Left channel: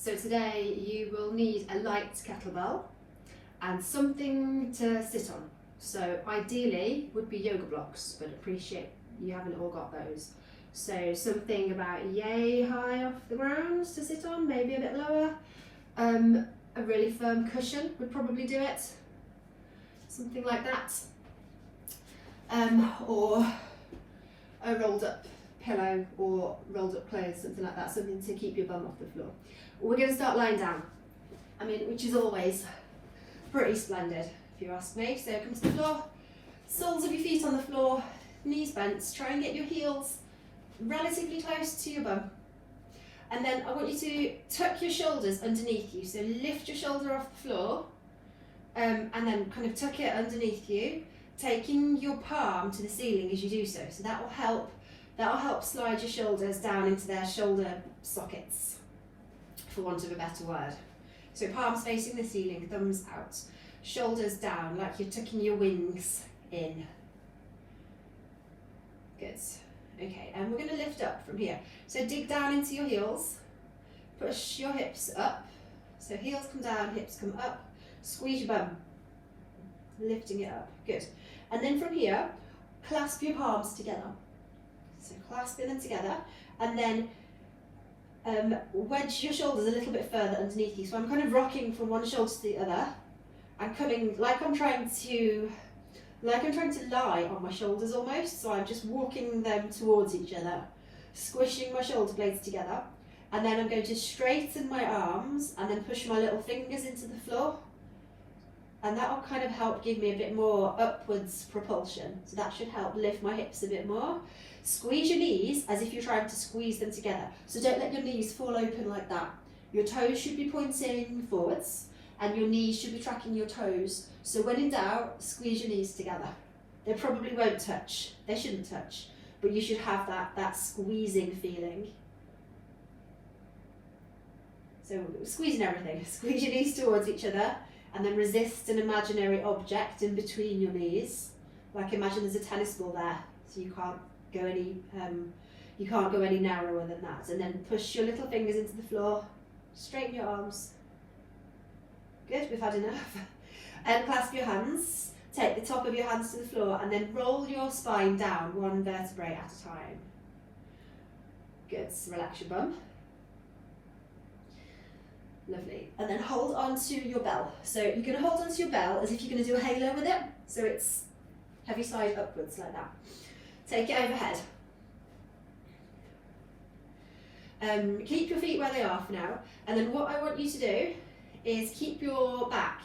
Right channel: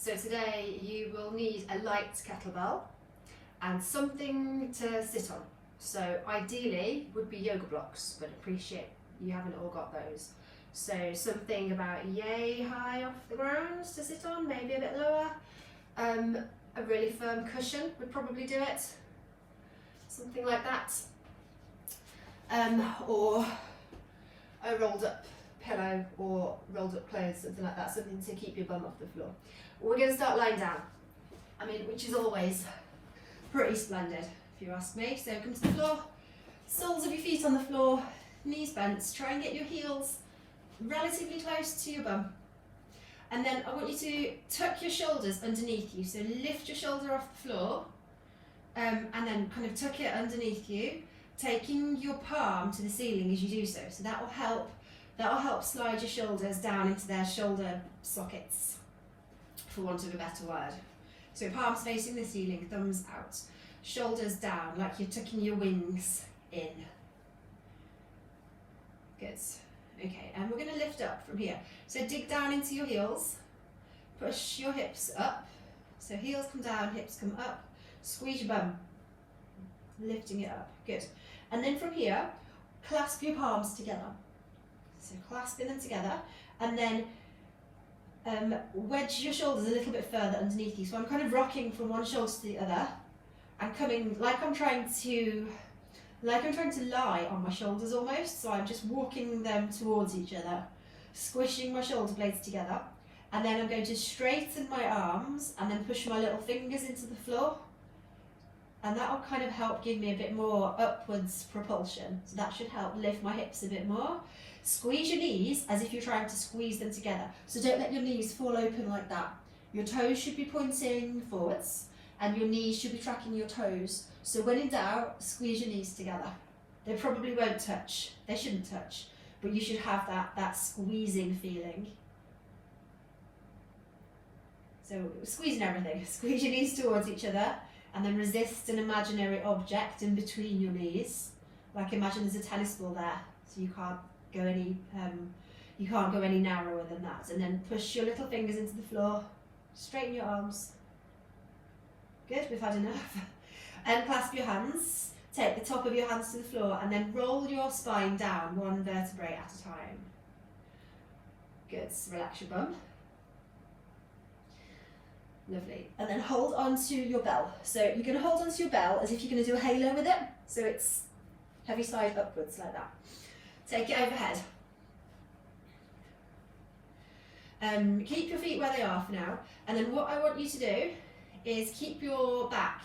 So today you will need a light kettlebell and something to sit on. So ideally would be yoga blocks, but appreciate you haven't all got those. So something about yay high off the ground to sit on, maybe a bit lower. A really firm cushion would probably do it. Something like that. Or a rolled up pillow or rolled up clothes, something like that, something to keep your bum off the floor. We're going to start lying down, which is always pretty splendid if you ask me. So come to the floor, soles of your feet on the floor, knees bent, try and get your heels relatively close to your bum. And then I want you to tuck your shoulders underneath you, so lift your shoulder off the floor and then kind of tuck it underneath you, taking your palm to the ceiling as you do so. So that will help slide your shoulders down into their shoulder sockets, for want of a better word. So palms facing the ceiling, thumbs out, shoulders down like you're tucking your wings in. Good. Okay, and we're going to lift up from here. So dig down into your heels, push your hips up. So heels come down, hips come up, squeeze your bum, lifting it up. Good. And then from here, clasp your palms together. So clasping them together, and then wedge your shoulders a little bit further underneath you. So I'm kind of rocking from one shoulder to the other and coming like I'm trying to lie on my shoulders almost. So I'm just walking them towards each other, squishing my shoulder blades together, and then I'm going to straighten my arms and then push my little fingers into the floor, and that will kind of help give me a bit more upwards propulsion. So that should help lift my hips a bit more. Squeeze your knees as if you're trying to squeeze them together. So don't let your knees fall open like that. Your toes should be pointing forwards and your knees should be tracking your toes. So when in doubt, squeeze your knees together. They probably won't touch. They shouldn't touch, but you should have that squeezing feeling. So squeezing everything. Squeeze your knees towards each other and then resist an imaginary object in between your knees. Like imagine there's a tennis ball there, so you can't go any narrower than that. And then push your little fingers into the floor, straighten your arms. Good, we've had enough. And clasp your hands, take the top of your hands to the floor and then roll your spine down one vertebrae at a time. Good, so relax your bum. Lovely. And then hold on to your bell. So you're going to hold on to your bell as if you're going to do a halo with it. So it's heavy side upwards like that. Take it overhead. Keep your feet where they are for now. And then what I want you to do is keep your back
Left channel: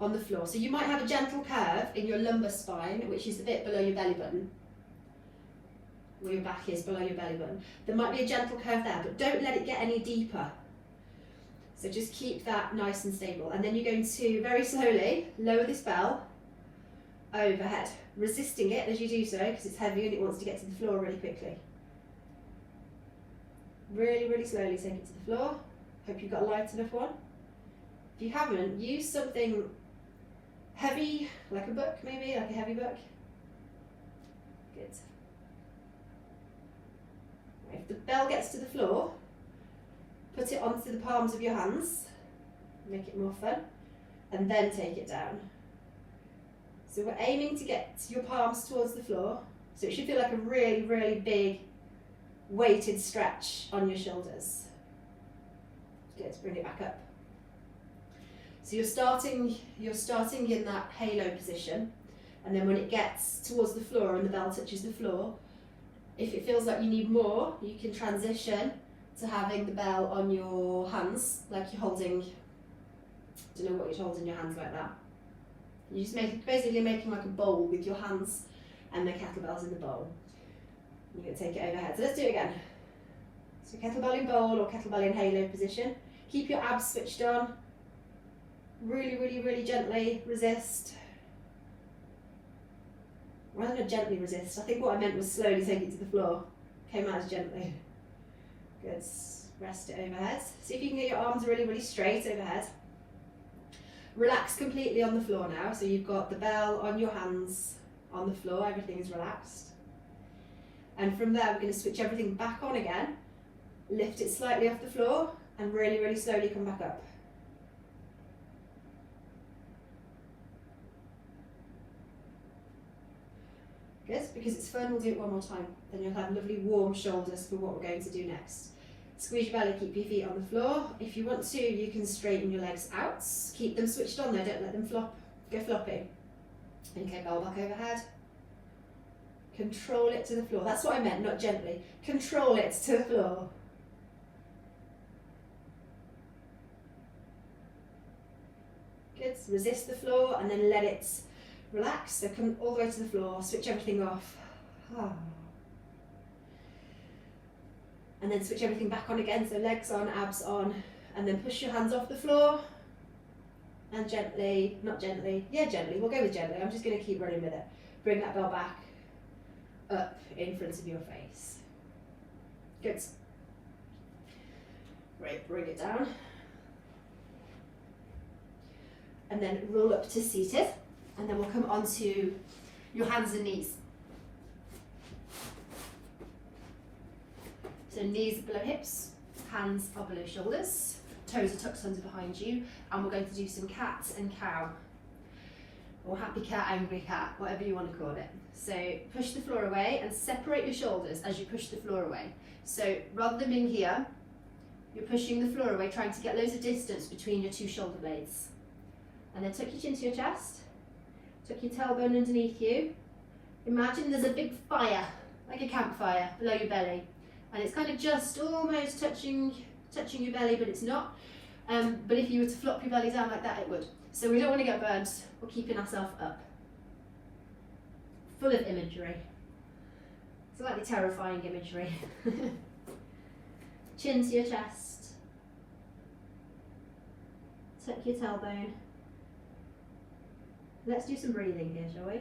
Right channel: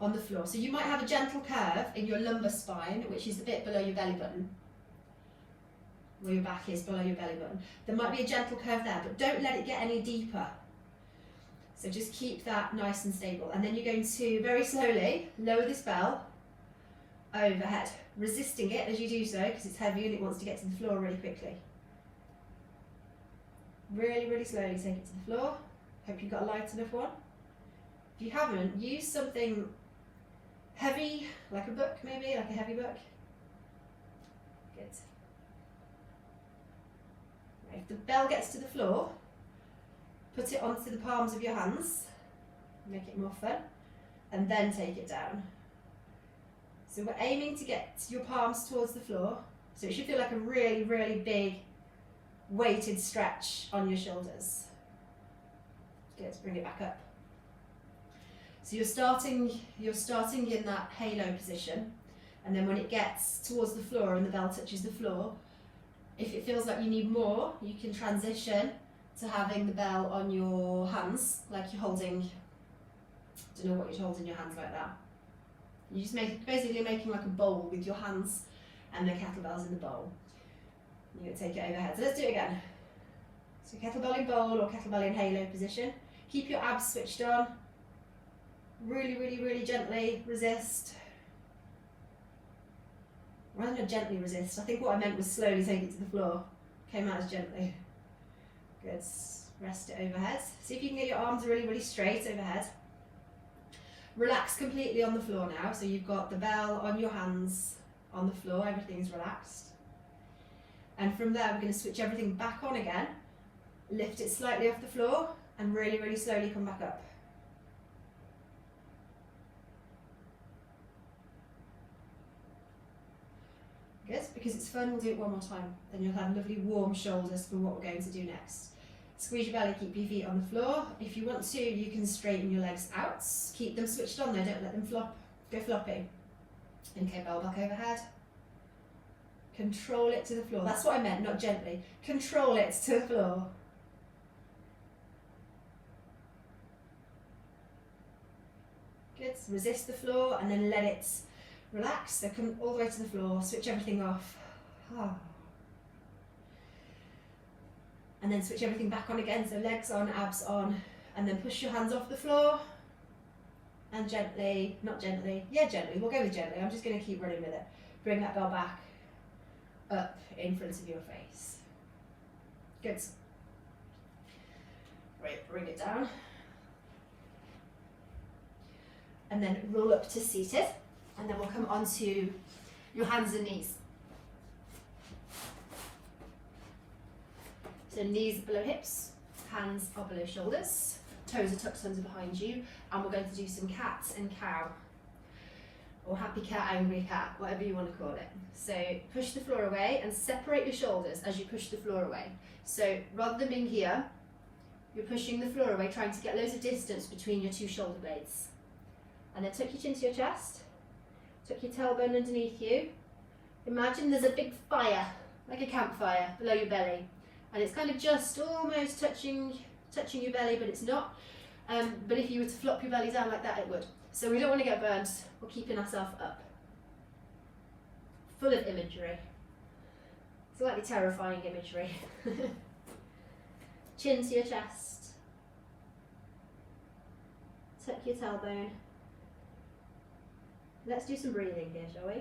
on the floor. So you might have a gentle curve in your lumbar spine, which is a bit below your belly button, where your back is below your belly button. There might be a gentle curve there, but don't let it get any deeper. So just keep that nice and stable. And then you're going to very slowly lower this bell overhead, resisting it as you do so because it's heavy and it wants to get to the floor really quickly. Really, really slowly take it to the floor. Hope you've got a light enough one. If you haven't, use something heavy, like a book maybe, like a heavy book. Good. If the bell gets to the floor, put it onto the palms of your hands, make it more fun, and then take it down. So we're aiming to get your palms towards the floor, so it should feel like a really, really big weighted stretch on your shoulders. Good, bring it back up. So you're starting in that halo position, and then when it gets towards the floor and the bell touches the floor, if it feels like you need more, you can transition to having the bell on your hands, like you're holding, I don't know what you'd hold in your hands like that. You're just basically making like a bowl with your hands and the kettlebells in the bowl. You're going to take it overhead. So let's do it again. So kettlebell in bowl or kettlebell in halo position. Keep your abs switched on. Really, really, really gently resist. Rather than gently resist, I think what I meant was slowly take it to the floor. Came out as gently. Good. Rest it overhead. See if you can get your arms really, really straight overhead. Relax completely on the floor now. So you've got the bell on your hands on the floor, everything's relaxed. And from there, we're going to switch everything back on again. Lift it slightly off the floor and really, really slowly come back up. Good, because it's fun, we'll do it one more time. Then you'll have lovely warm shoulders for what we're going to do next. Squeeze your belly, keep your feet on the floor. If you want to, you can straighten your legs out. Keep them switched on there, don't let them go floppy. Okay, bell back overhead. Control it to the floor. That's what I meant, not gently. Control it to the floor. Good, resist the floor and then let it relax. So come all the way to the floor, switch everything off. And then switch everything back on again, so legs on, abs on, and then push your hands off the floor. And gently, not gently, yeah gently, we'll go with gently, I'm just going to keep running with it. Bring that bell back up in front of your face. Good. Great, bring it down. And then roll up to seated, and then we'll come onto your hands and knees. So knees are below hips, hands are below shoulders, toes are tucked under behind you, and we're going to do some cat and cow, or happy cat, angry cat, whatever you want to call it. So push the floor away and separate your shoulders as you push the floor away. So rather than being here, you're pushing the floor away, trying to get loads of distance between your two shoulder blades. And then tuck your chin to your chest, tuck your tailbone underneath you. Imagine there's a big fire, like a campfire, below your belly. And it's kind of just almost touching your belly, but it's not. But if you were to flop your belly down like that, it would. So we don't want to get burned. We're keeping ourselves up. Full of imagery. Slightly terrifying imagery. Chin to your chest. Tuck your tailbone. Let's do some breathing here, shall we?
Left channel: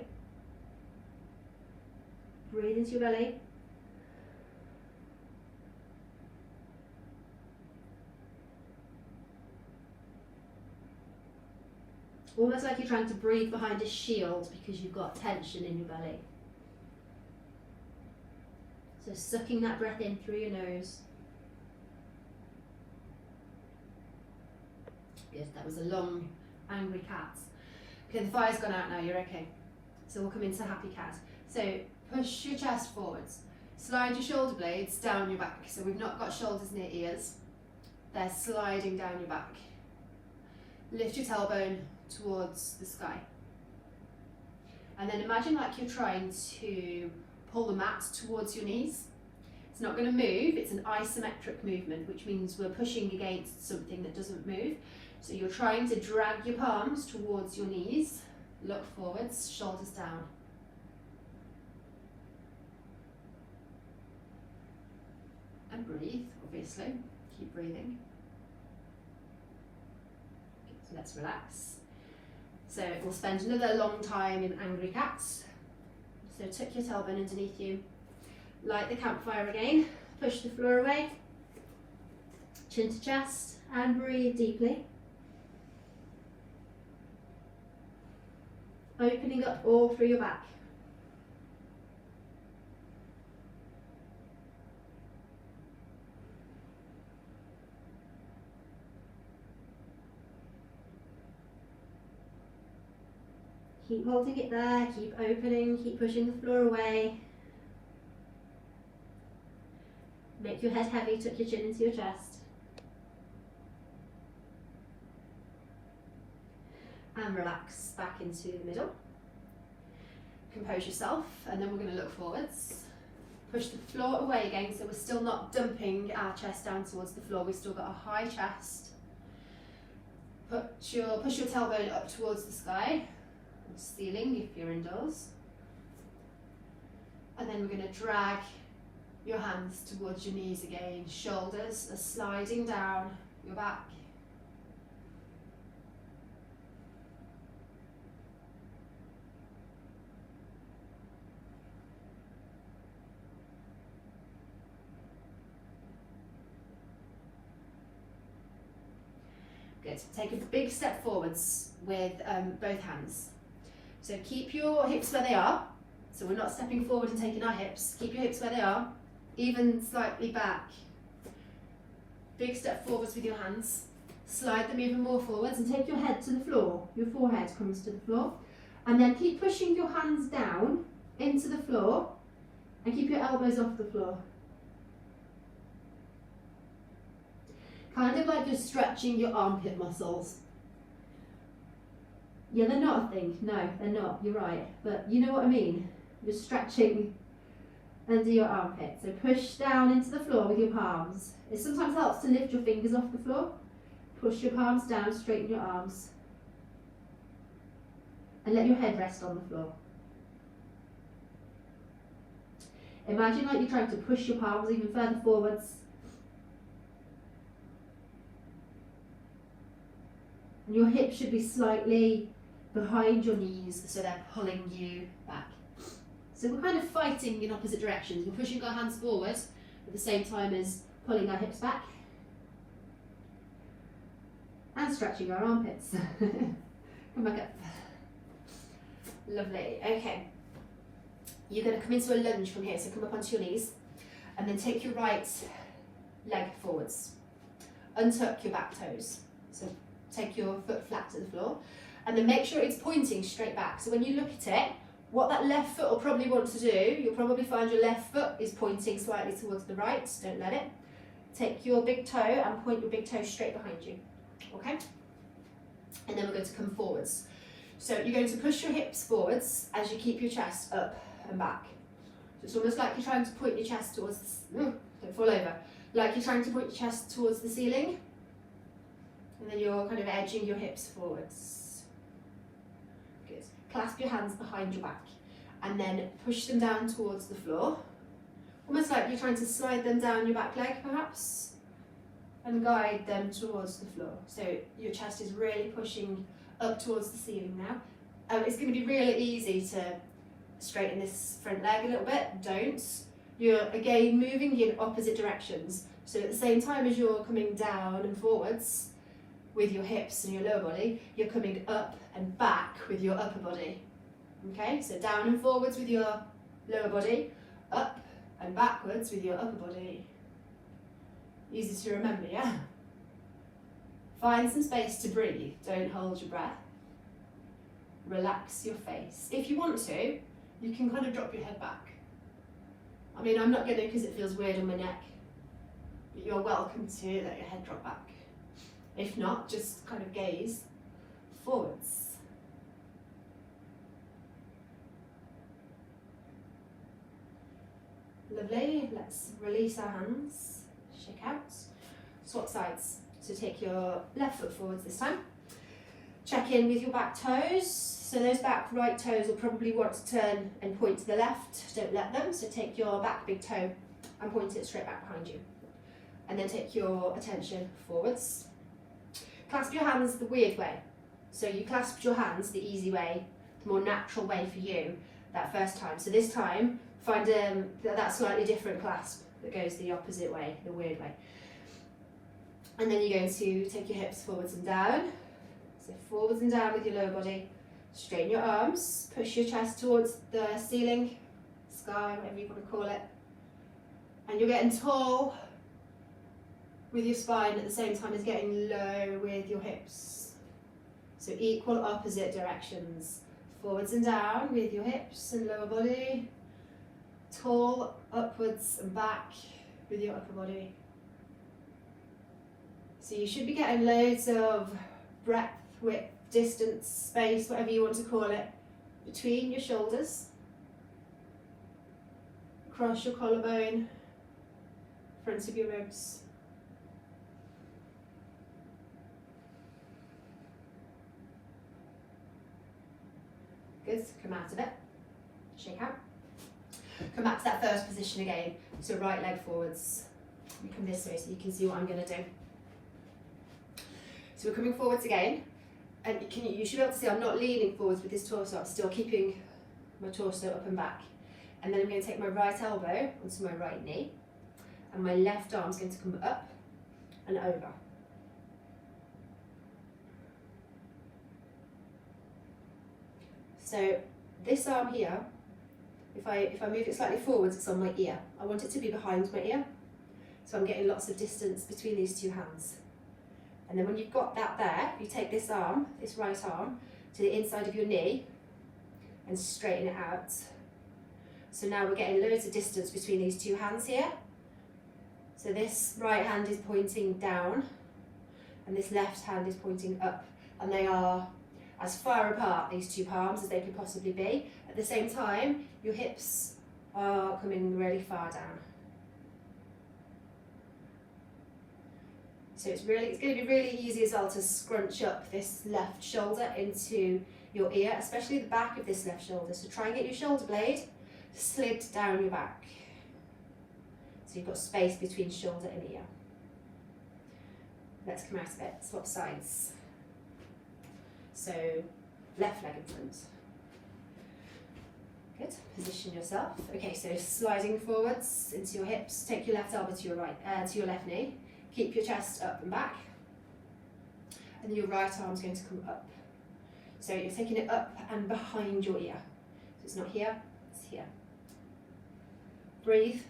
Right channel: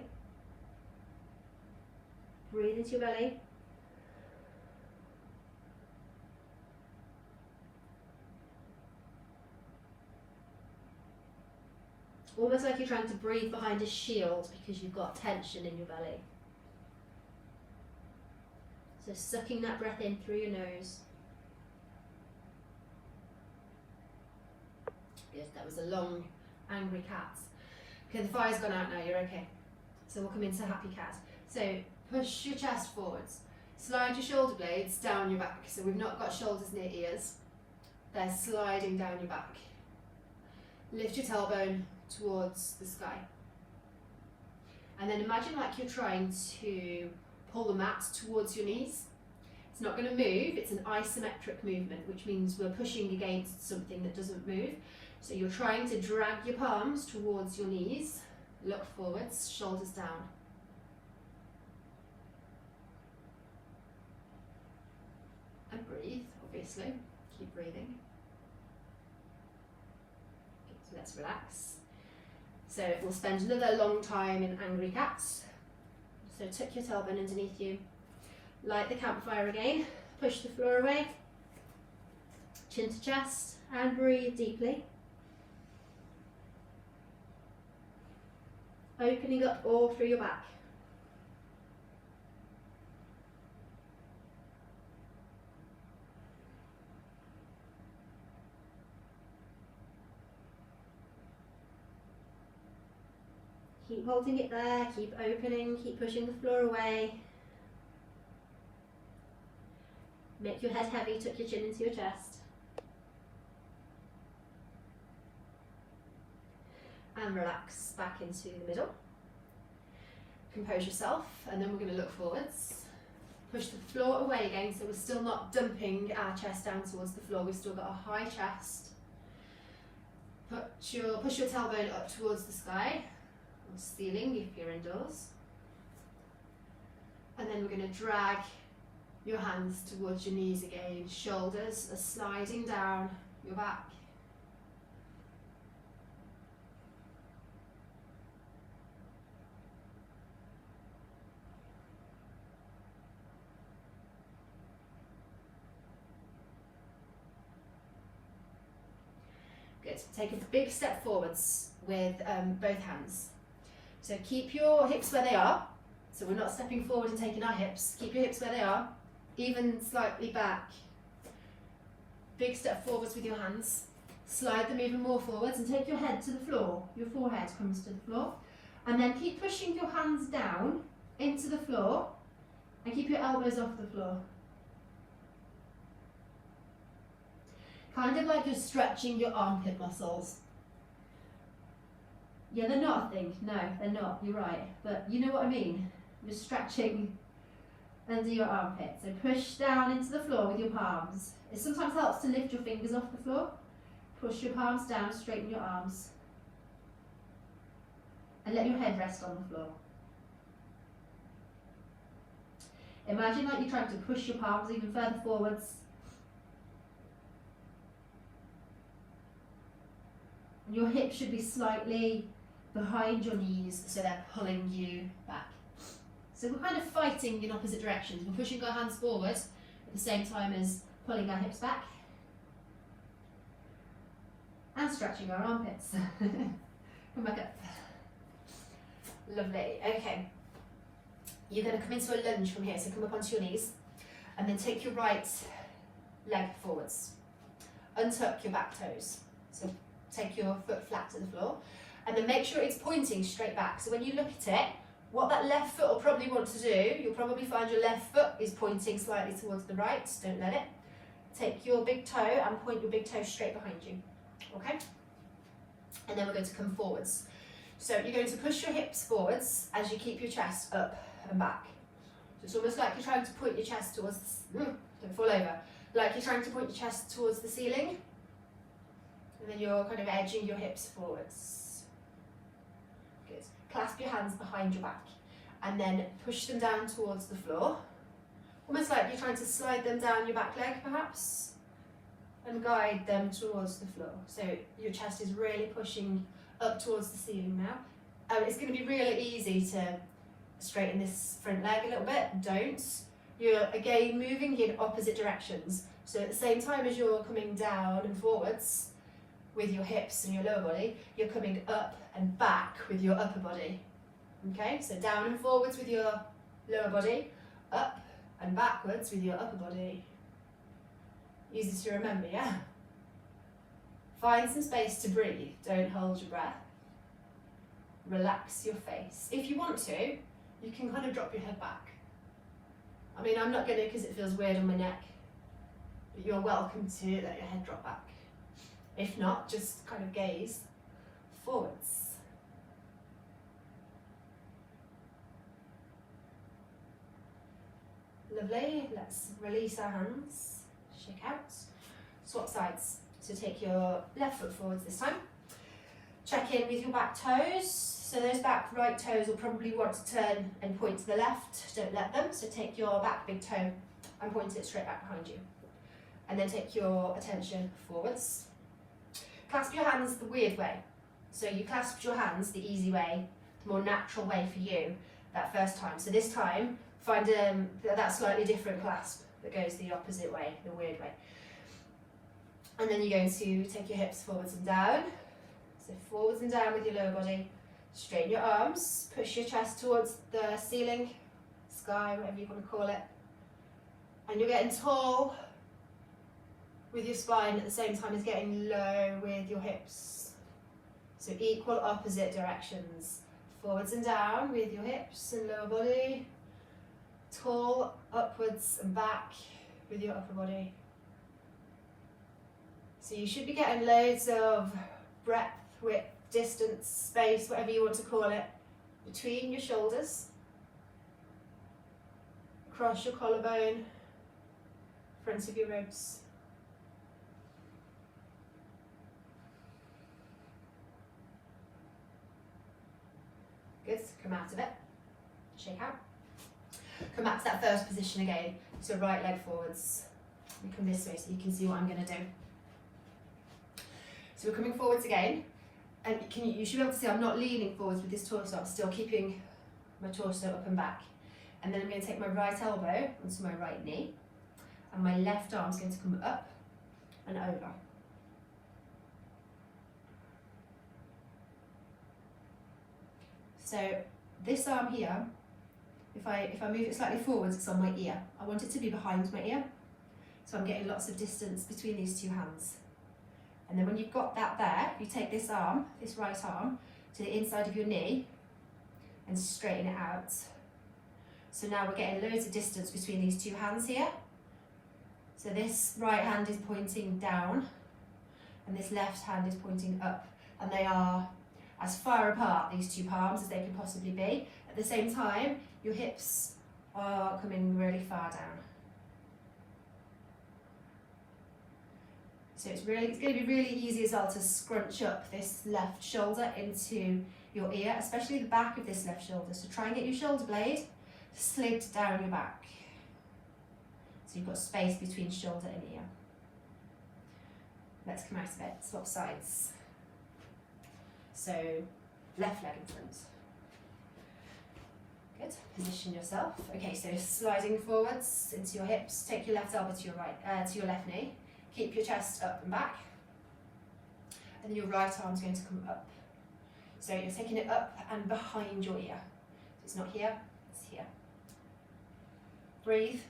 Breathe into your belly. Almost like you're trying to breathe behind a shield because you've got tension in your belly. So sucking that breath in through your nose. Good, that was a long, angry cat. Okay, the fire's gone out now, you're okay. So we'll come into happy cat. So push your chest forwards. Slide your shoulder blades down your back. So we've not got shoulders near ears. They're sliding down your back. Lift your tailbone towards the sky. And then imagine like you're trying to pull the mat towards your knees. It's not going to move, it's an isometric movement, which means we're pushing against something that doesn't move. So you're trying to drag your palms towards your knees, look forwards, shoulders down. And breathe, obviously, keep breathing. So let's relax. So we'll spend another long time in angry cats. So tuck your tailbone underneath you. Light the campfire again. Push the floor away. Chin to chest and breathe deeply. Opening up all through your back. Keep holding it there, keep opening, keep pushing the floor away. Make your head heavy, tuck your chin into your chest. And relax back into the middle. Compose yourself, and then we're going to look forwards. Push the floor away again, so we're still not dumping our chest down towards the floor, we've still got a high chest. Push your tailbone up towards the sky. Ceiling if you're indoors, and then we're going to drag your hands towards your knees again. Shoulders are sliding down your back. Good. Take a big step forwards with both hands. So keep your hips where they are. So we're not stepping forward and taking our hips. Keep your hips where they are, even slightly back. big step forwards with your hands. Slide them even more forwards and take your head to the floor. Your forehead comes to the floor. And then keep pushing your hands down into the floor and keep your elbows off the floor. Kind of like you're stretching your armpit muscles. Yeah, they're not a thing. No, they're not. You're right. But you know what I mean? You're stretching under your armpit. So push down into the floor with your palms. It sometimes helps to lift your fingers off the floor. Push your palms down, straighten your arms. And let your head rest on the floor. Imagine like you're trying to push your palms even further forwards. And your hips should be slightly behind your knees, so they're pulling you back. So we're kind of fighting in opposite directions. We're pushing our hands forward at the same time as pulling our hips back. And stretching our armpits. Come back up. Lovely. Okay. You're going to come into a lunge from here, so come up onto your knees and then take your right leg forwards. Untuck your back toes. So take your foot flat to the floor and then make sure it's pointing straight back. So when you look at it, what that left foot will probably want to do, you'll probably find your left foot is pointing slightly towards the right. Don't let it. Take your big toe and point your big toe straight behind you. Okay? And then we're going to come forwards. So you're going to push your hips forwards as you keep your chest up and back. So it's almost like you're trying to point your chest towards, don't fall over, like you're trying to point your chest towards the ceiling. And then you're kind of edging your hips forwards. Good. Clasp your hands behind your back and then push them down towards the floor. Almost like you're trying to slide them down your back leg perhaps and guide them towards the floor. So your chest is really pushing up towards the ceiling now. It's going to be really easy to straighten this front leg a little bit. Don't. You're again moving in opposite directions. So at the same time as you're coming down and forwards with your hips and your lower body, you're coming up and back with your upper body. Okay, so down and forwards with your lower body, up and backwards with your upper body. Easy to remember, yeah? Find some space to breathe. Don't hold your breath. Relax your face. If you want to, you can kind of drop your head back. I mean, I'm not going to because it feels weird on my neck, but you're welcome to let your head drop back. If not, just kind of gaze forwards. Lovely. Let's release our hands. Shake out. Swap sides. So take your left foot forwards this time. Check in with your back toes. So those back right toes will probably want to turn and point to the left. Don't let them. So take your back big toe and point it straight back behind you. And then take your attention forwards. Clasp your hands the weird way. So you clasped your hands the easy way, the more natural way for you that first time. So this time, find that slightly different clasp that goes the opposite way, the weird way. And then you're going to take your hips forwards and down. So forwards and down with your lower body. Straighten your arms, push your chest towards the ceiling, sky, whatever you want to call it. And you're getting tall with your spine at the same time as getting low with your hips. So equal opposite directions. Forwards and down with your hips and lower body. Tall upwards and back with your upper body. So you should be getting loads of breadth, width, distance, space, whatever you want to call it, between your shoulders, across your collarbone, front of your ribs. Good, come out of it, shake out. Come back to that first position again, so right leg forwards. We come this way so you can see what I'm going to do. So we're coming forwards again, and you should be able to see I'm not leaning forwards with this torso, I'm still keeping my torso up and back. And then I'm going to take my right elbow onto my right knee, and my left arm is going to come up and over. So this arm here, if I move it slightly forwards, it's on my ear. I want it to be behind my ear. So I'm getting lots of distance between these two hands. And then when you've got that there, you take this arm, this right arm, to the inside of your knee and straighten it out. So now we're getting loads of distance between these two hands here. So this right hand is pointing down and this left hand is pointing up, and they are as far apart, these two palms, as they can possibly be. At the same time, your hips are coming really far down. So it's going to be really easy as well to scrunch up this left shoulder into your ear, especially the back of this left shoulder. So try and get your shoulder blade slid down your back. So you've got space between shoulder and ear. Let's come out of it, swap sides. So left leg in front. Good, position yourself. Okay, so sliding forwards into your hips, take your left elbow to your left knee. Keep your chest up and back. And then your right arm's going to come up. So you're taking it up and behind your ear. So it's not here, it's here. Breathe.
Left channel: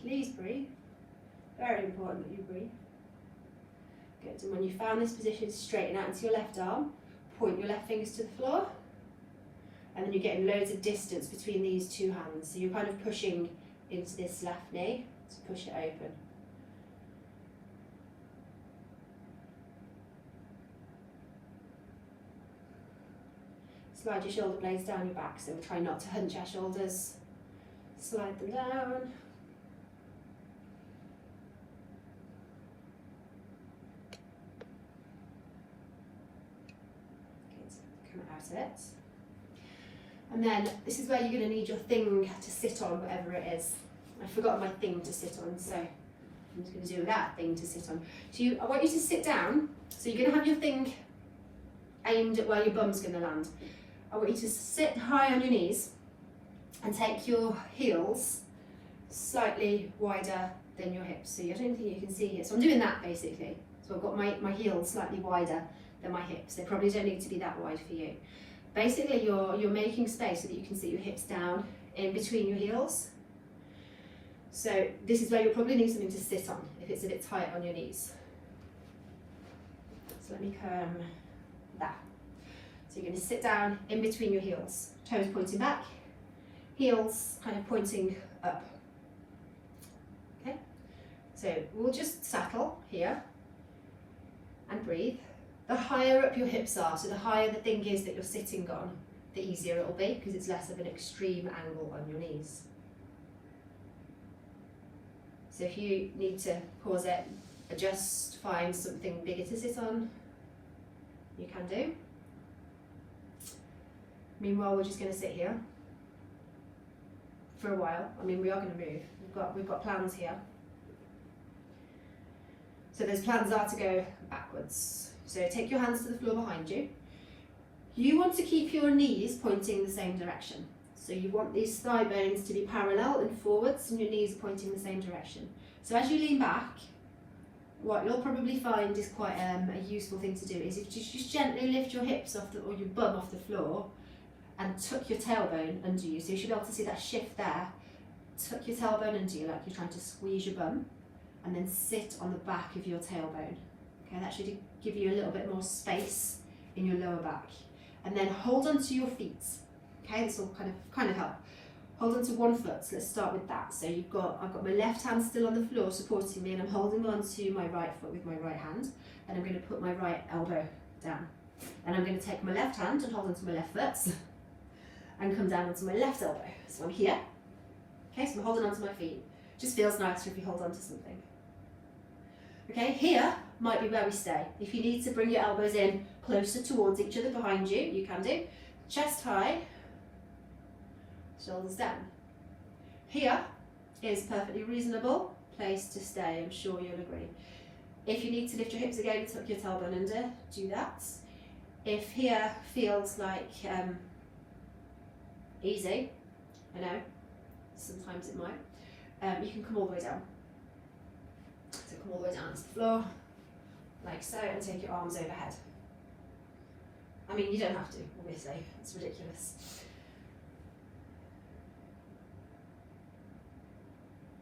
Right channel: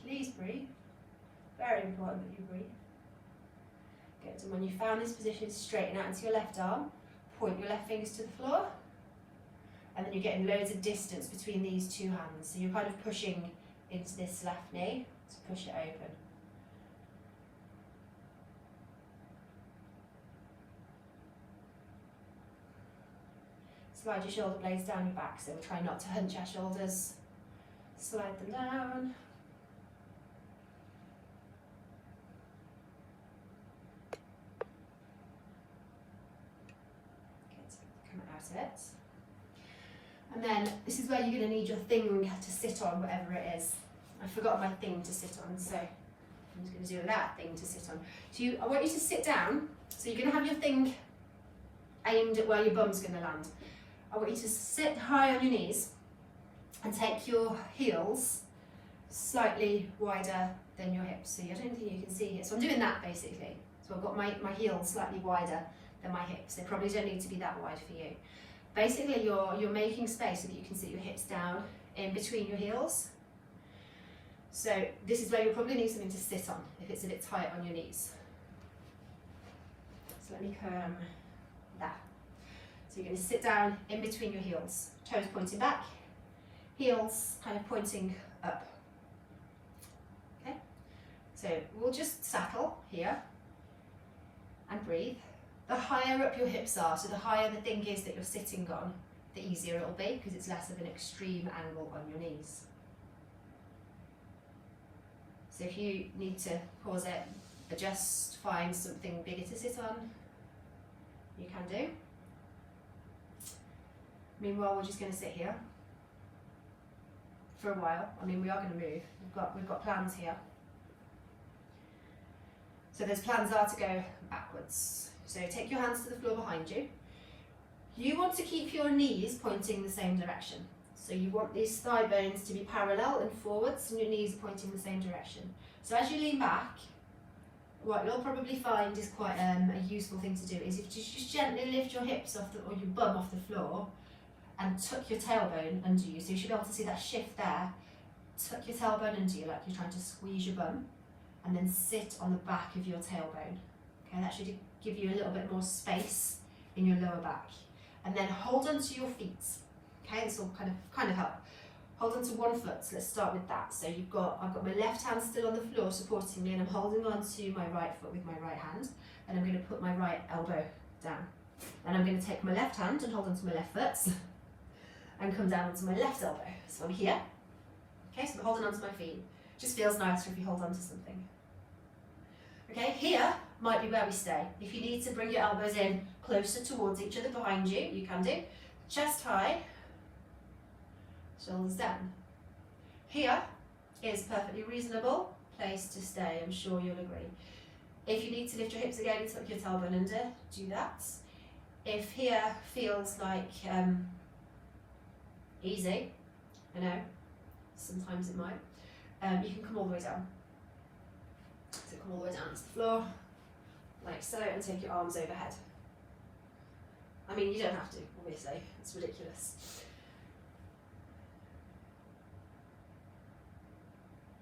Please breathe. Very important that you breathe. Good, and when you found this position, straighten out into your left arm, point your left fingers to the floor, and then you're getting loads of distance between these two hands. So you're kind of pushing into this left knee to push it open. Slide your shoulder blades down your back, so try not to hunch our shoulders. Slide them down. Out it. And then this is where you're going to need your thing to sit on, whatever it is. I've forgotten my thing to sit on, so I'm just going to do that thing to sit on. So I want you to sit down, so you're going to have your thing aimed at where your bum's going to land. I want you to sit high on your knees and take your heels slightly wider than your hips. So I don't think you can see here. So I'm doing that basically. So I've got my heels slightly wider than my hips. They probably don't need to be that wide for you. Basically, you're making space so that you can sit your hips down in between your heels. So this is where you'll probably need something to sit on if it's a bit tight on your knees. So let me come that. So you're going to sit down in between your heels, toes pointing back, heels kind of pointing up. Okay, so we'll just settle here and breathe. The higher up your hips are, so the higher the thing is that you're sitting on, the easier it'll be, because it's less of an extreme angle on your knees. So if you need to pause it, adjust, find something bigger to sit on, you can do. Meanwhile, we're just going to sit here for a while. I mean, we are going to move. We've got plans here. So those plans are to go backwards. So take your hands to the floor behind you. You want to keep your knees pointing the same direction. So you want these thigh bones to be parallel and forwards, and your knees pointing the same direction. So as you lean back, what you'll probably find is quite a useful thing to do is if you just gently lift your hips off or your bum off the floor and tuck your tailbone under you. So you should be able to see that shift there. Tuck your tailbone under you like you're trying to squeeze your bum, and then sit on the back of your tailbone. Okay, that should give you a little bit more space in your lower back. And then hold onto your feet. Okay, this will kind of help. Hold onto one foot. So let's start with that. So I've got my left hand still on the floor supporting me, and I'm holding onto my right foot with my right hand, and I'm going to put my right elbow down. And I'm going to take my left hand and hold onto my left foot and come down onto my left elbow. So I'm here. Okay, so I'm holding onto my feet. Just feels nicer if you hold onto something. Okay, here might be where we stay. If you need to bring your elbows in closer towards each other behind you, you can do. Chest high, shoulders down. Here is perfectly reasonable place to stay, I'm sure you'll agree. If you need to lift your hips again and tuck your tailbone under, do that. If here feels like easy, I know, sometimes it might, you can come all the way down. So come all the way down to the floor, like so, and take your arms overhead. I mean, you don't have to, obviously, it's ridiculous.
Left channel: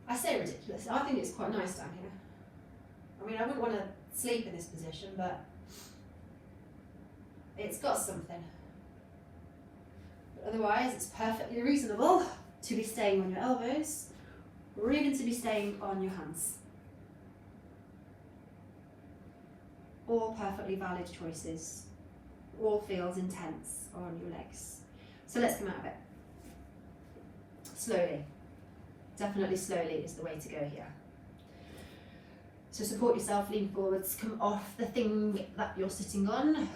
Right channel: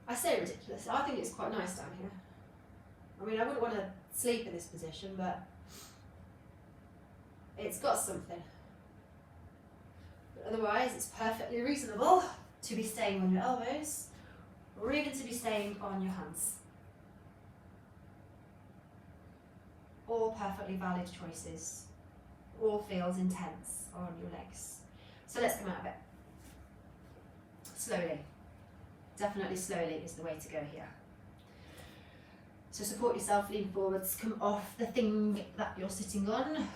I I say ridiculous. I think it's quite nice down here. I mean, I wouldn't want to sleep in this position, but it's got something. But otherwise, it's perfectly reasonable to be staying on your elbows, or even to be staying on your hands. All perfectly valid choices. All feels intense on your legs. So let's come out of it. Slowly. Definitely slowly is the way to go here. So support yourself, lean forwards, come off the thing that you're sitting on.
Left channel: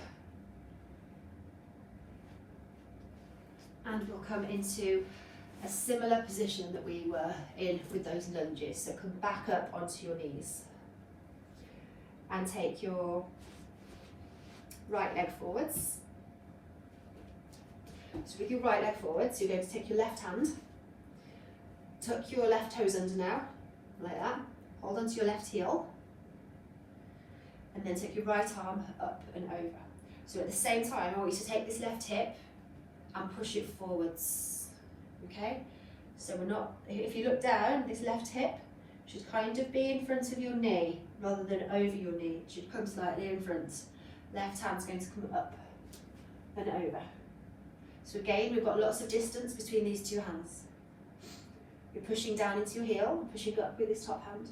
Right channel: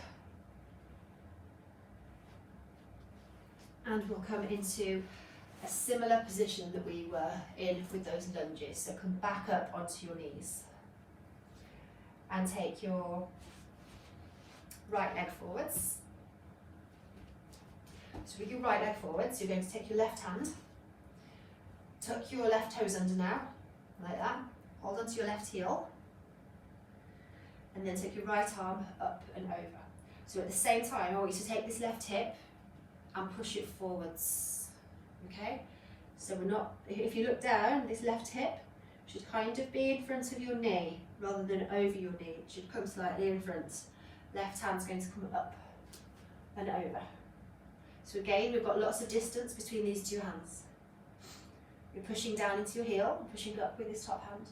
And we'll come into a similar position that we were in with those lunges. So come back up onto your knees. And take your right leg forwards. So with your right leg forwards, you're going to take your left hand, tuck your left toes under now, like that. Hold onto your left heel, and then take your right arm up and over. So at the same time, I want you to take this left hip and push it forwards, okay? So we're not, if you look down, this left hip should kind of be in front of your knee rather than over your knee. It should come slightly in front. Left hand's going to come up and over. So again, we've got lots of distance between these two hands. You're pushing down into your heel, pushing up with this top hand.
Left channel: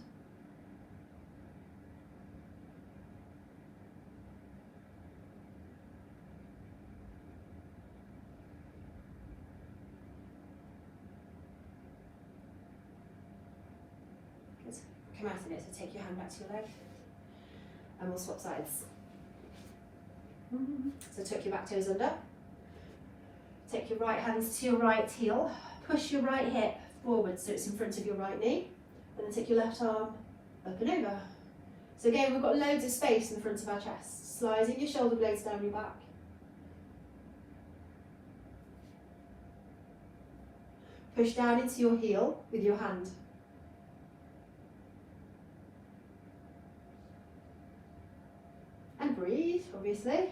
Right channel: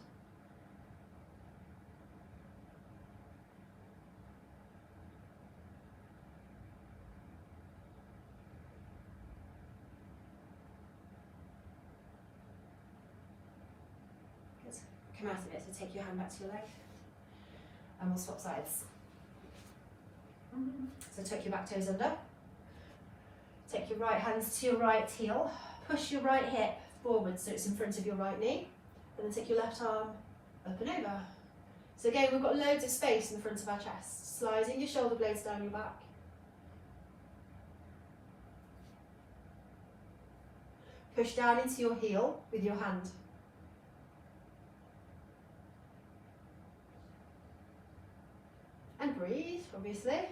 Good. Come out of it, so take your hand back to your leg, and we'll swap sides. So tuck your back toes under. Take your right hands to your right heel. Push your right hip forward so it's in front of your right knee. And then take your left arm up and over. So again, we've got loads of space in the front of our chest. Sliding your shoulder blades down your back. Push down into your heel with your hand. And breathe, obviously.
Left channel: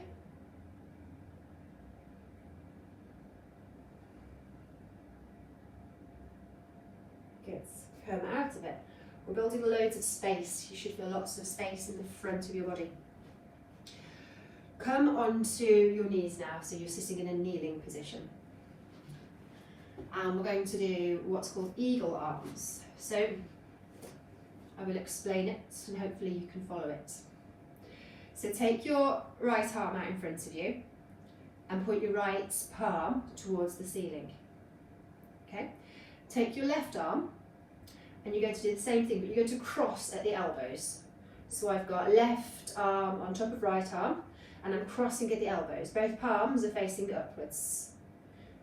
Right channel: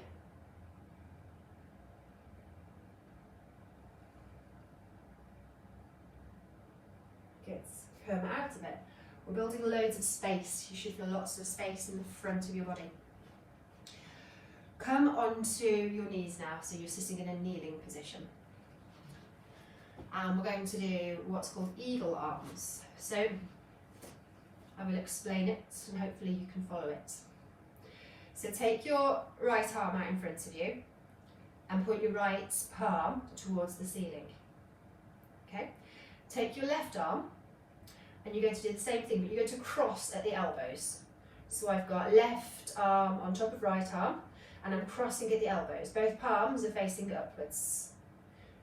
Good. Come out of it. We're building loads of space. You should feel lots of space in the front of your body. Come onto your knees now, so you're sitting in a kneeling position. And we're going to do what's called eagle arms. So I will explain it and hopefully you can follow it. So take your right arm out in front of you and point your right palm towards the ceiling. Okay? Take your left arm and you're going to do the same thing, but you're going to cross at the elbows. So I've got left arm on top of right arm and I'm crossing at the elbows. Both palms are facing upwards.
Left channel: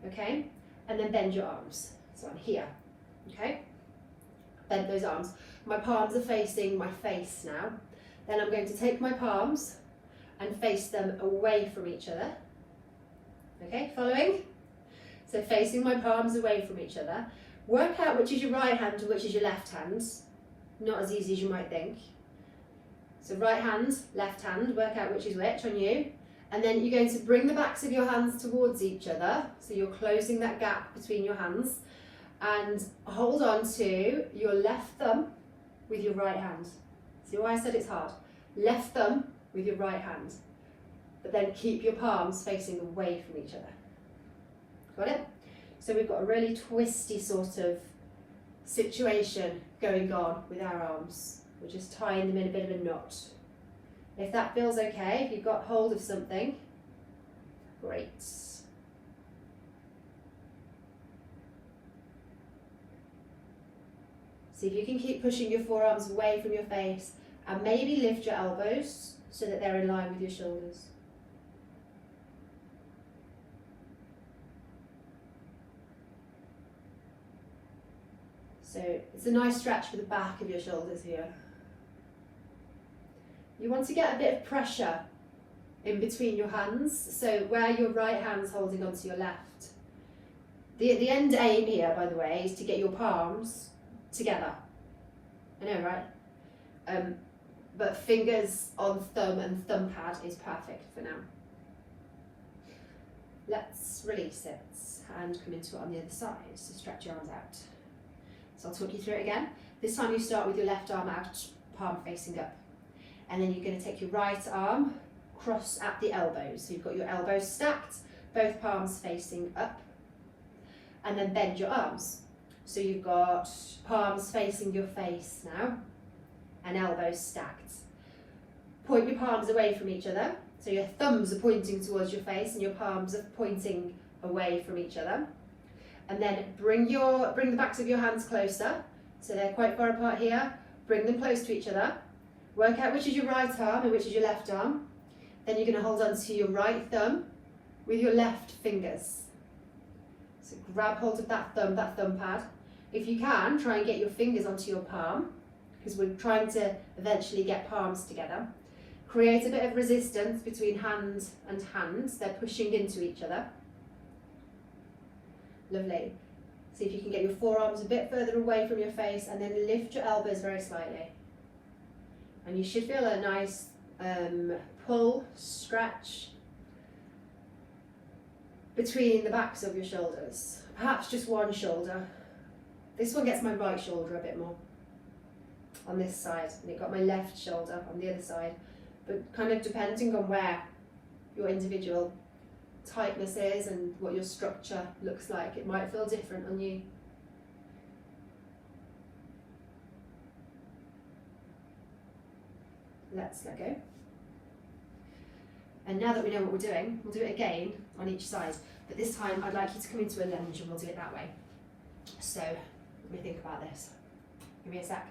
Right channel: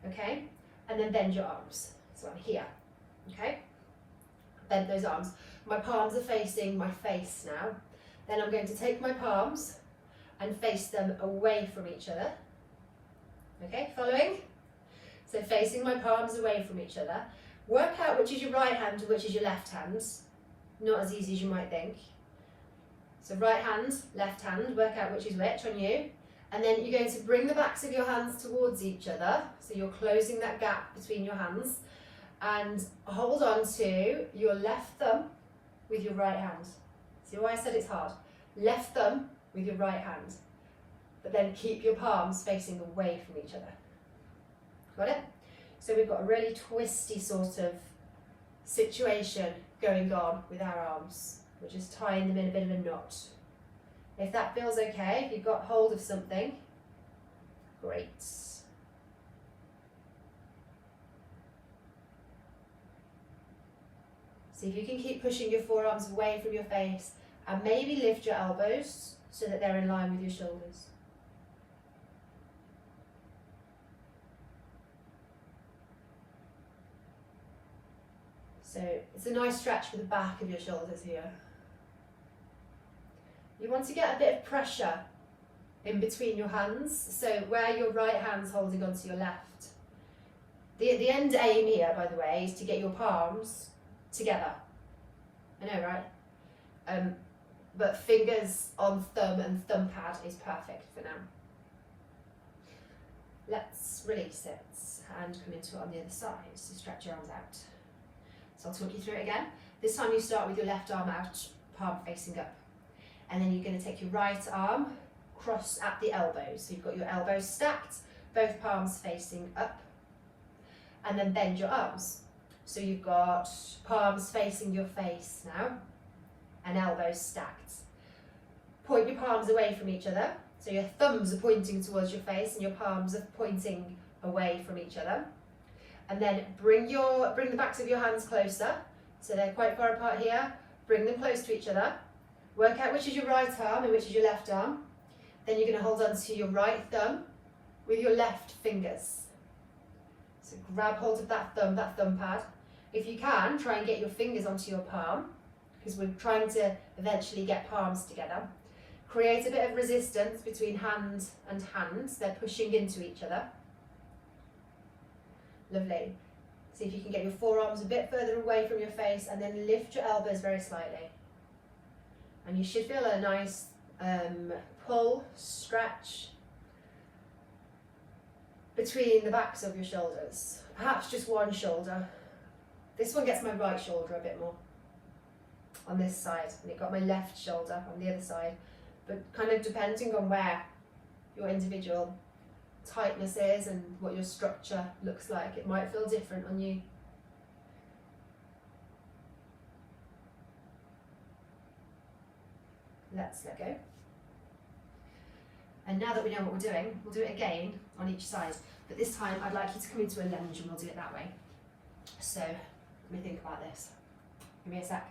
Okay? And then bend your arms. So I'm here. Okay? Bend those arms. My palms are facing my face now. Then I'm going to take my palms and face them away from each other. Okay, following? So facing my palms away from each other. Work out which is your right hand and which is your left hand. Not as easy as you might think. So right hand, left hand, work out which is which on you. And then you're going to bring the backs of your hands towards each other. So you're closing that gap between your hands. And hold on to your left thumb with your right hand. See why I said it's hard? Left thumb with your right hand. But then keep your palms facing away from each other. Got it? So we've got a really twisty sort of situation going on with our arms. We're just tying them in a bit of a knot. If that feels okay, if you've got hold of something, great. See if you can keep pushing your forearms away from your face and maybe lift your elbows so that they're in line with your shoulders. So it's a nice stretch for the back of your shoulders here. You want to get a bit of pressure in between your hands, so where your right hand's holding onto your left. The end aim here, by the way, is to get your palms together. I know, right? But fingers on thumb and thumb pad is perfect for now. Let's release it and come into it on the other side. So stretch your arms out. So I'll talk you through it again. This time you start with your left arm out, palm facing up. And then you're going to take your right arm, cross at the elbows. So you've got your elbows stacked, both palms facing up. And then bend your arms. So you've got palms facing your face now, and elbows stacked. Point your palms away from each other. So your thumbs are pointing towards your face and your palms are pointing away from each other. And then bring the backs of your hands closer. So they're quite far apart here. Bring them close to each other. Work out which is your right arm and which is your left arm. Then you're going to hold on to your right thumb with your left fingers. So grab hold of that thumb pad. If you can, try and get your fingers onto your palm, because we're trying to eventually get palms together. Create a bit of resistance between hand and hands. They're pushing into each other. Lovely. See if you can get your forearms a bit further away from your face, and then lift your elbows very slightly. And you should feel a nice pull, stretch between the backs of your shoulders. Perhaps just one shoulder. This one gets my right shoulder a bit more on this side, and it got my left shoulder on the other side. But kind of depending on where your individual tightness is and what your structure looks like, it might feel different on you. Let's let go. And now that we know what we're doing, we'll do it again on each side. But this time I'd like you to come into a lunge and we'll do it that way. So let me think about this. Give me a sec.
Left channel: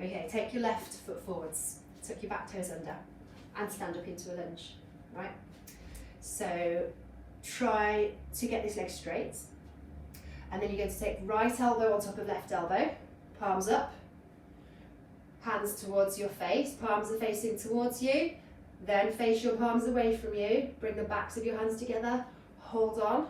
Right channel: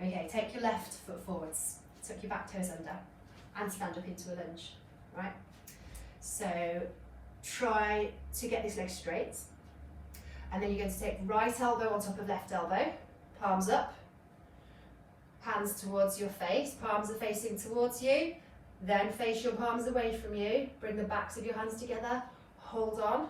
Okay, take your left foot forwards, tuck your back toes under, and stand up into a lunge, right? So try to get this leg straight. And then you're going to take right elbow on top of left elbow, palms up, hands towards your face, palms are facing towards you, then face your palms away from you, bring the backs of your hands together, hold on.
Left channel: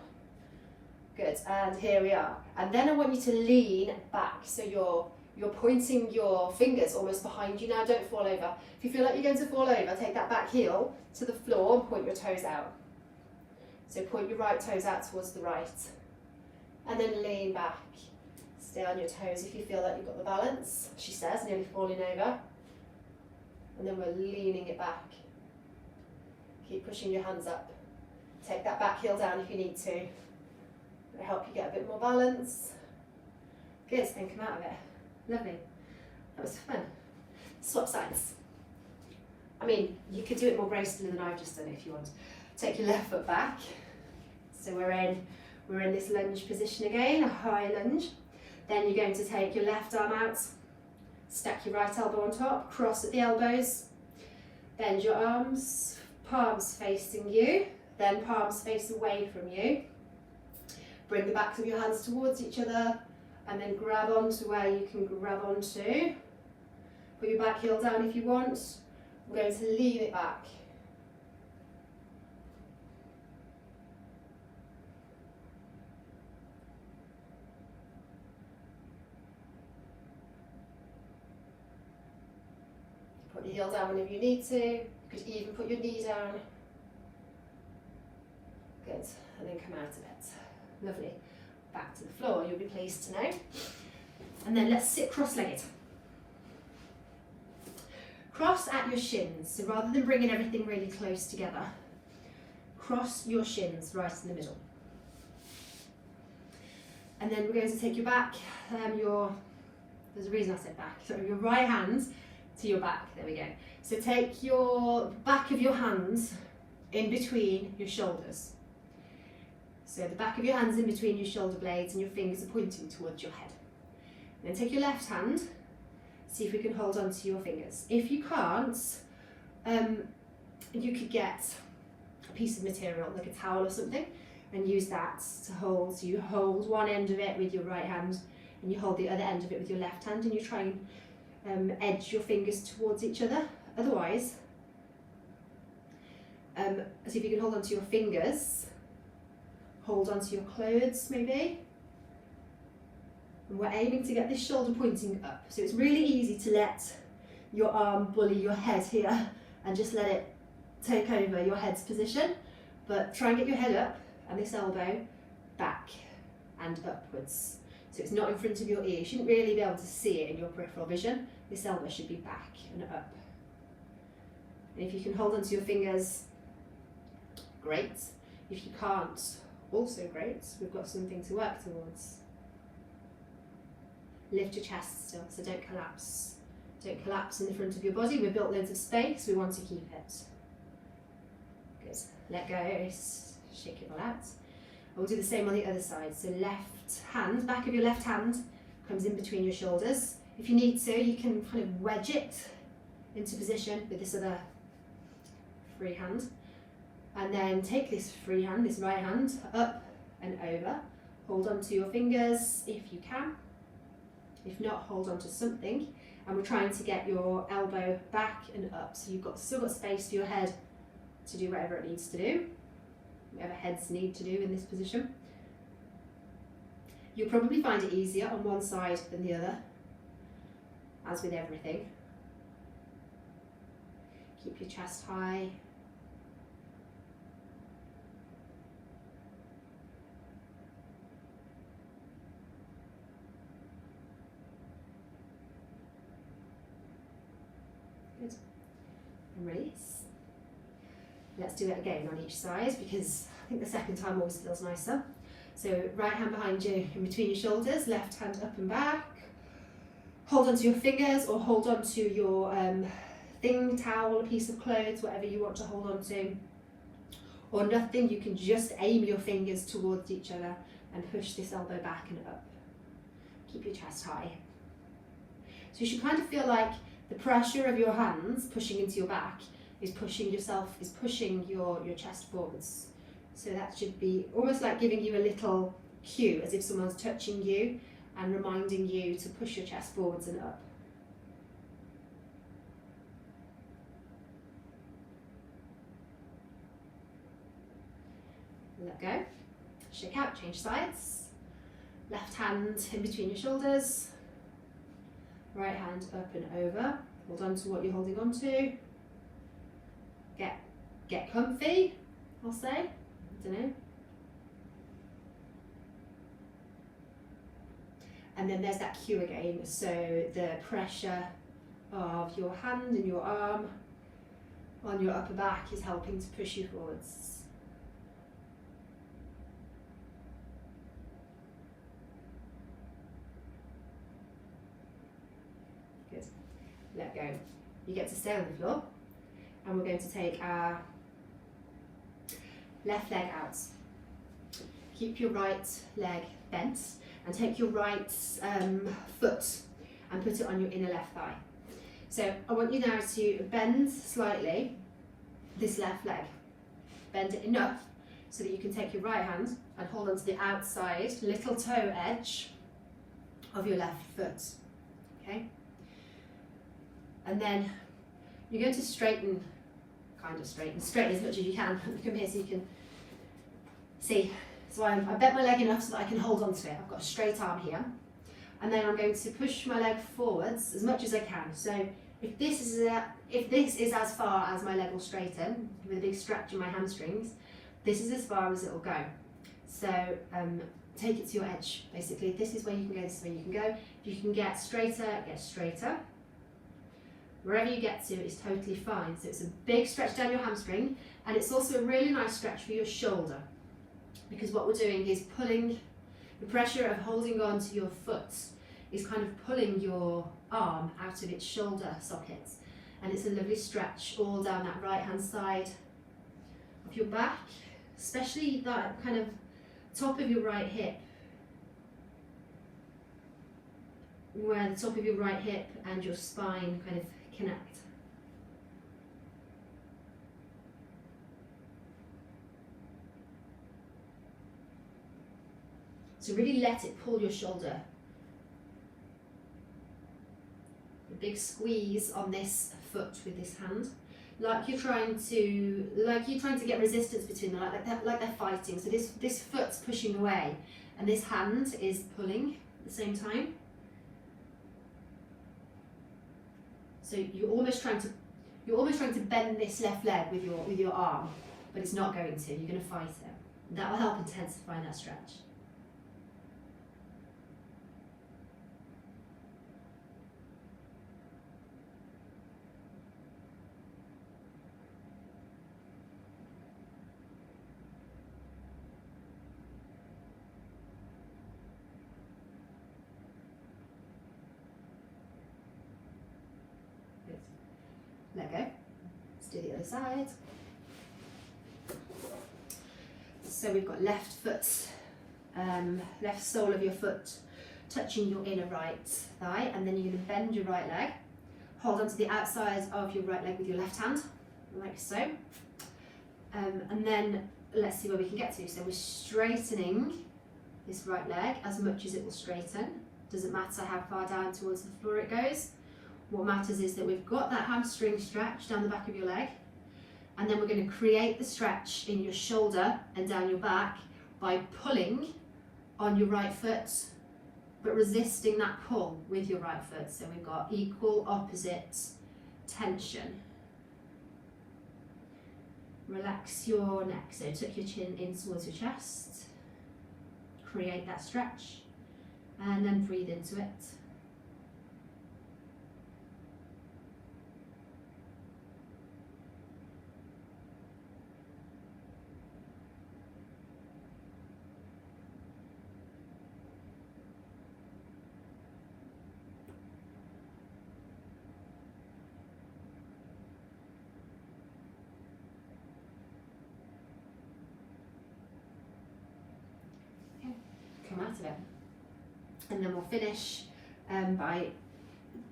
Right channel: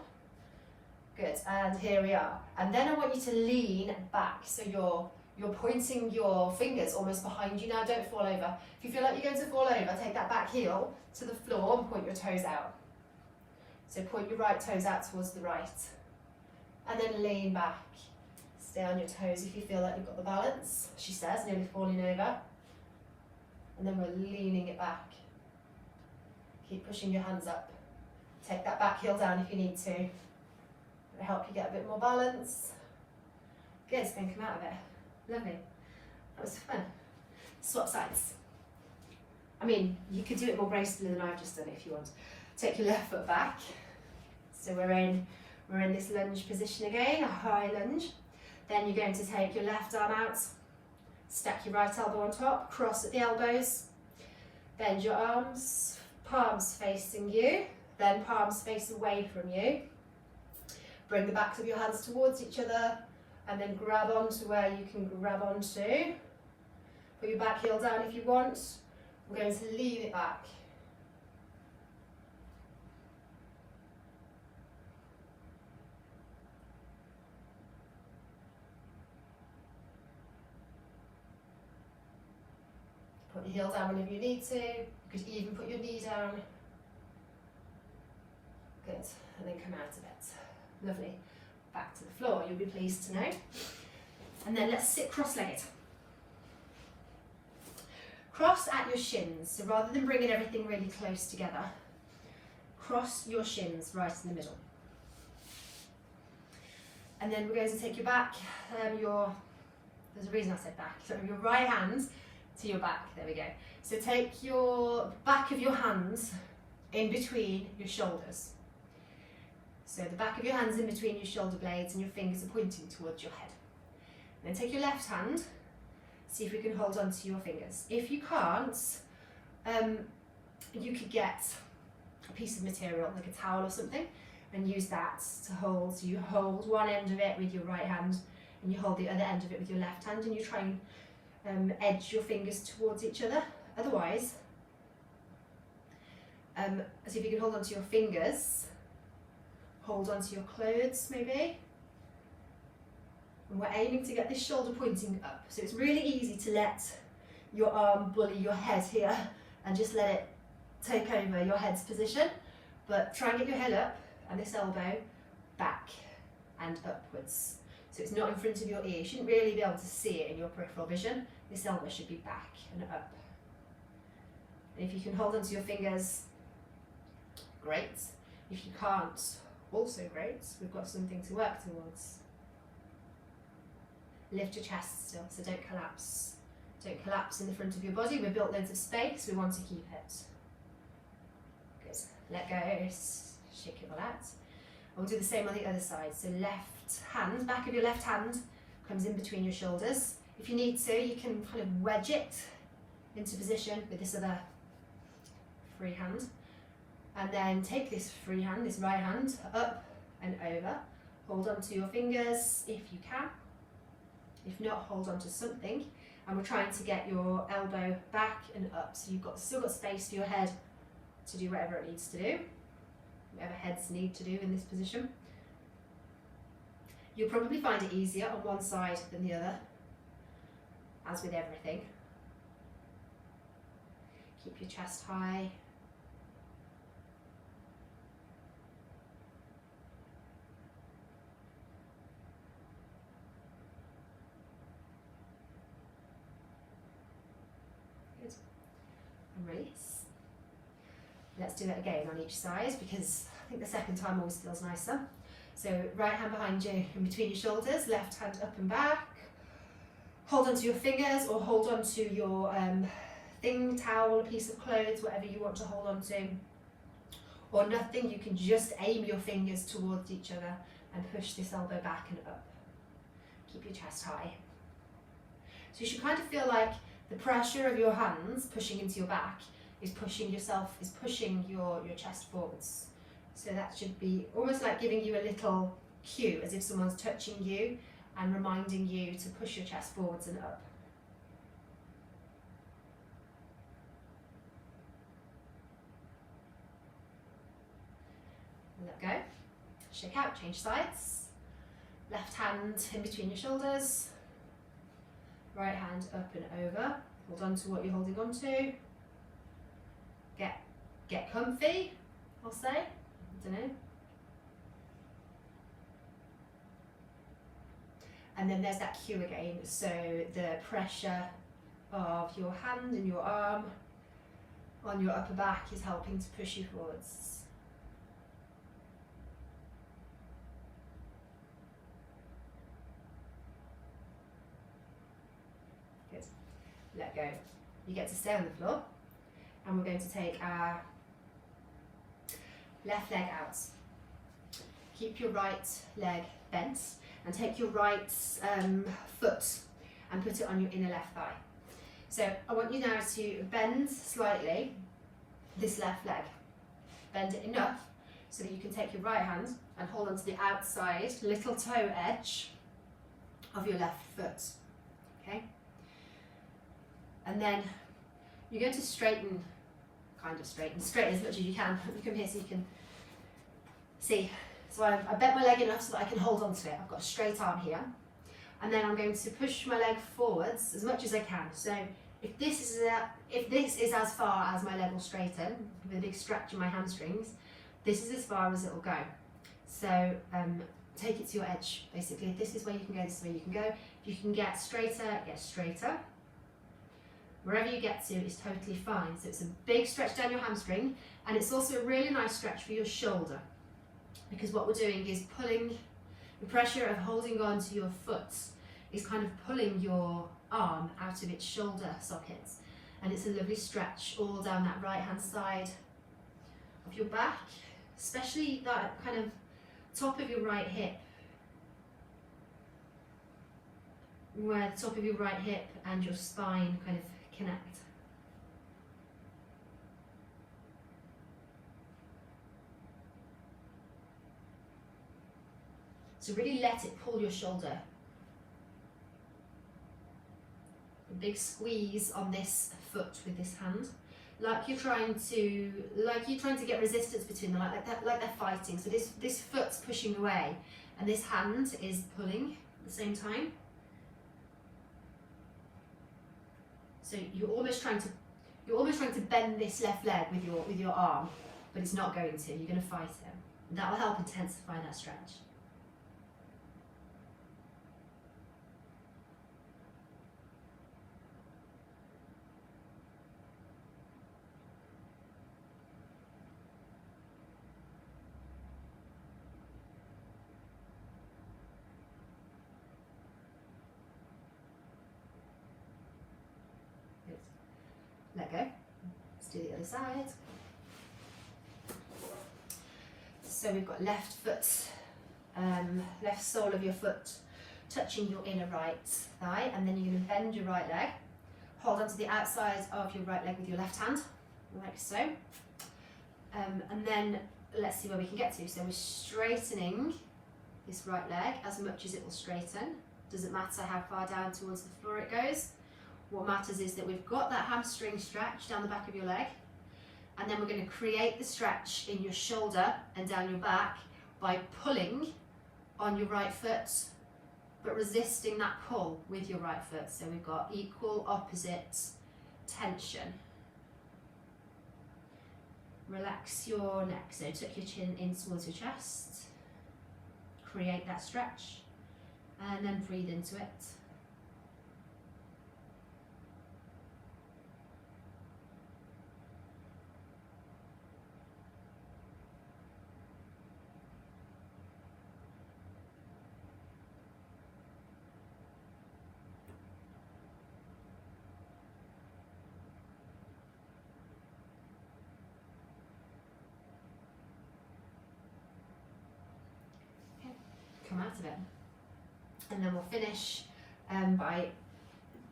Good, and here we are. And then I want you to lean back, so you're pointing your fingers almost behind you now, don't fall over. If you feel like you're going to fall over, take that back heel to the floor and point your toes out. So point your right toes out towards the right. And then lean back. Stay on your toes if you feel like you've got the balance, she says, nearly falling over. And then we're leaning it back. Keep pushing your hands up. Take that back heel down if you need to. It'll help you get a bit more balance. Good, then come out of it. Lovely. That was fun. Swap sides. I mean, you could do it more gracefully than I've just done if you want. Take your left foot back. So we're in this lunge position again, a high lunge. Then you're going to take your left arm out, stack your right elbow on top, cross at the elbows, bend your arms, palms facing you, then palms face away from you. Bring the backs of your hands towards each other, and then grab onto where you can grab onto. Put your back heel down if you want. We're going to lean it back. Put your heel down whenever you need to. You could even put your knee down. Good, and then come out of it. Lovely. Back to the floor, you'll be pleased to know. And then let's sit cross-legged. Cross at your shins, so rather than bringing everything really close together, cross your shins right in the middle. And then we're going to take your back, there's a reason I said back, so your right hand to your back, there we go. So take your back of your hands in between your shoulders. So the back of your hands in between your shoulder blades and your fingers are pointing towards your head. And then take your left hand, see if we can hold on to your fingers. If you can't, you could get a piece of material, like a towel or something, and use that to hold. So you hold one end of it with your right hand, and you hold the other end of it with your left hand, and you try and edge your fingers towards each other. Otherwise, see if you can hold on to your fingers. Hold onto your clothes maybe. And we're aiming to get this shoulder pointing up. So it's really easy to let your arm bully your head here and just let it take over your head's position. But try and get your head up and this elbow back and upwards. So it's not in front of your ear. You shouldn't really be able to see it in your peripheral vision. This elbow should be back and up. And if you can hold onto your fingers, great. If you can't, also great. We've got something to work towards. Lift your chest still, so don't collapse. Don't collapse in the front of your body. We've built loads of space, we want to keep it. Good. Let go, shake it all out. And we'll do the same on the other side. So left hand, back of your left hand comes in between your shoulders. If you need to, you can kind of wedge it into position with this other free hand. And then take this free hand, this right hand, up and over. Hold on to your fingers if you can. If not, hold on to something. And we're trying to get your elbow back and up. So you've still got space for your head to do whatever it needs to do, whatever heads need to do in this position. You'll probably find it easier on one side than the other, as with everything. Keep your chest high. Good. And release. Let's do it again on each side, because I think the second time always feels nicer. So right hand behind you, in between your shoulders, left hand up and back. Hold onto your fingers or hold onto your thing, towel, a piece of clothes, whatever you want to hold on to. Or nothing, you can just aim your fingers towards each other and push this elbow back and up. Keep your chest high. So you should kind of feel like the pressure of your hands pushing into your back is pushing your chest forwards. So that should be almost like giving you a little cue, as if someone's touching you and reminding you to push your chest forwards and up. Let go. Shake out, change sides. Left hand in between your shoulders. Right hand up and over. Hold on to what you're holding on to. Get comfy, I'll say. I don't know. And then there's that cue again. So the pressure of your hand and your arm on your upper back is helping to push you forwards. Good. Let go. You get to stay on the floor, and we're going to take our left leg out. Keep your right leg bent and take your right foot and put it on your inner left thigh. So I want you now to bend slightly this left leg. Bend it enough so that you can take your right hand and hold onto the outside little toe edge of your left foot. Okay? And then you're going to straighten as much as you can. You come here so you can see. So I bent my leg enough so that I can hold on to it. I've got a straight arm here. And then I'm going to push my leg forwards as much as I can. So if this is as far as my leg will straighten, with a big stretch in my hamstrings, this is as far as it will go. So take it to your edge, basically. If this is where you can go, this is where you can go. If you can get straighter, get straighter. Wherever you get to is totally fine. So it's a big stretch down your hamstring, and it's also a really nice stretch for your shoulder, because what we're doing is pulling the pressure of holding on to your foot is kind of pulling your arm out of its shoulder sockets, and it's a lovely stretch all down that right hand side of your back, especially that kind of top of your right hip, where the top of your right hip and your spine kind of connect. So really let it pull your shoulder. A big squeeze on this foot with this hand, like you're trying to get resistance between them, like they're fighting. So this foot's pushing away, and this hand is pulling at the same time. So you're almost trying to bend this left leg with your arm, but it's not going to. You're going to fight it, and that will help intensify that stretch. let go. Let's do the other side. So we've got left foot, left sole of your foot touching your inner right thigh, and then you're going to bend your right leg. Hold onto the outside of your right leg with your left hand, like so. And then let's see where we can get to. So we're straightening this right leg as much as it will straighten. Doesn't matter how far down towards the floor it goes. What matters is that we've got that hamstring stretch down the back of your leg, and then we're going to create the stretch in your shoulder and down your back by pulling on your right foot, but resisting that pull with your right foot. So we've got equal opposite tension. Relax your neck, so tuck your chin in towards your chest, create that stretch, and then breathe into it. Come out of it, and then we'll finish by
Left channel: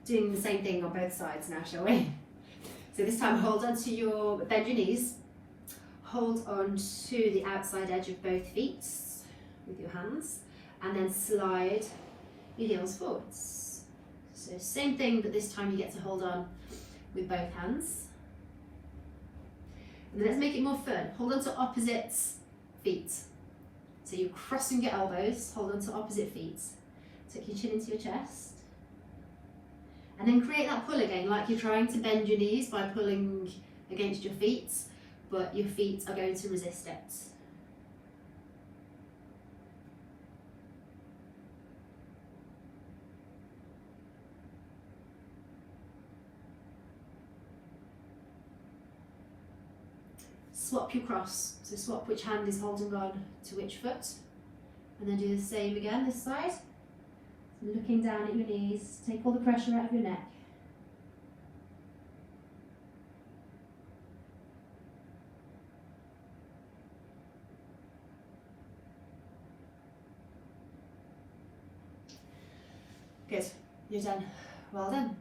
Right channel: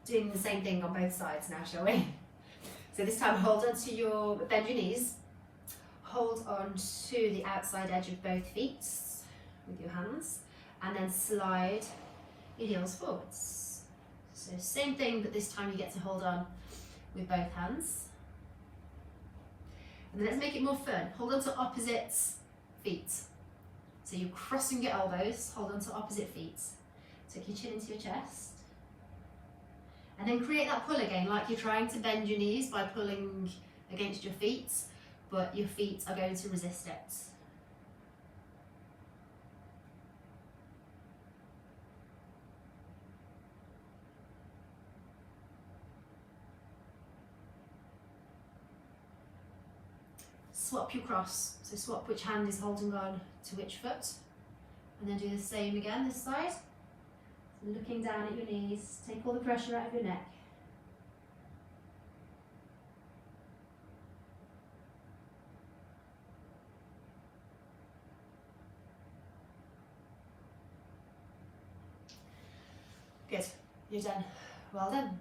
doing the same thing on both sides now, shall we? So this time hold on to your, bend your knees, hold on to the outside edge of both feet with your hands, and then slide your heels forwards. So same thing, but this time you get to hold on with both hands. And then let's make it more fun. Hold on to opposite feet. So you're crossing your elbows, hold on to opposite feet. Tuck your chin into your chest. And then create that pull again, like you're trying to bend your knees by pulling against your feet, but your feet are going to resist it. Swap your cross, so swap which hand is holding on to which foot, and then do the same again this side. So looking down at your knees, take all the pressure out of your neck. Good, you're done. Well done.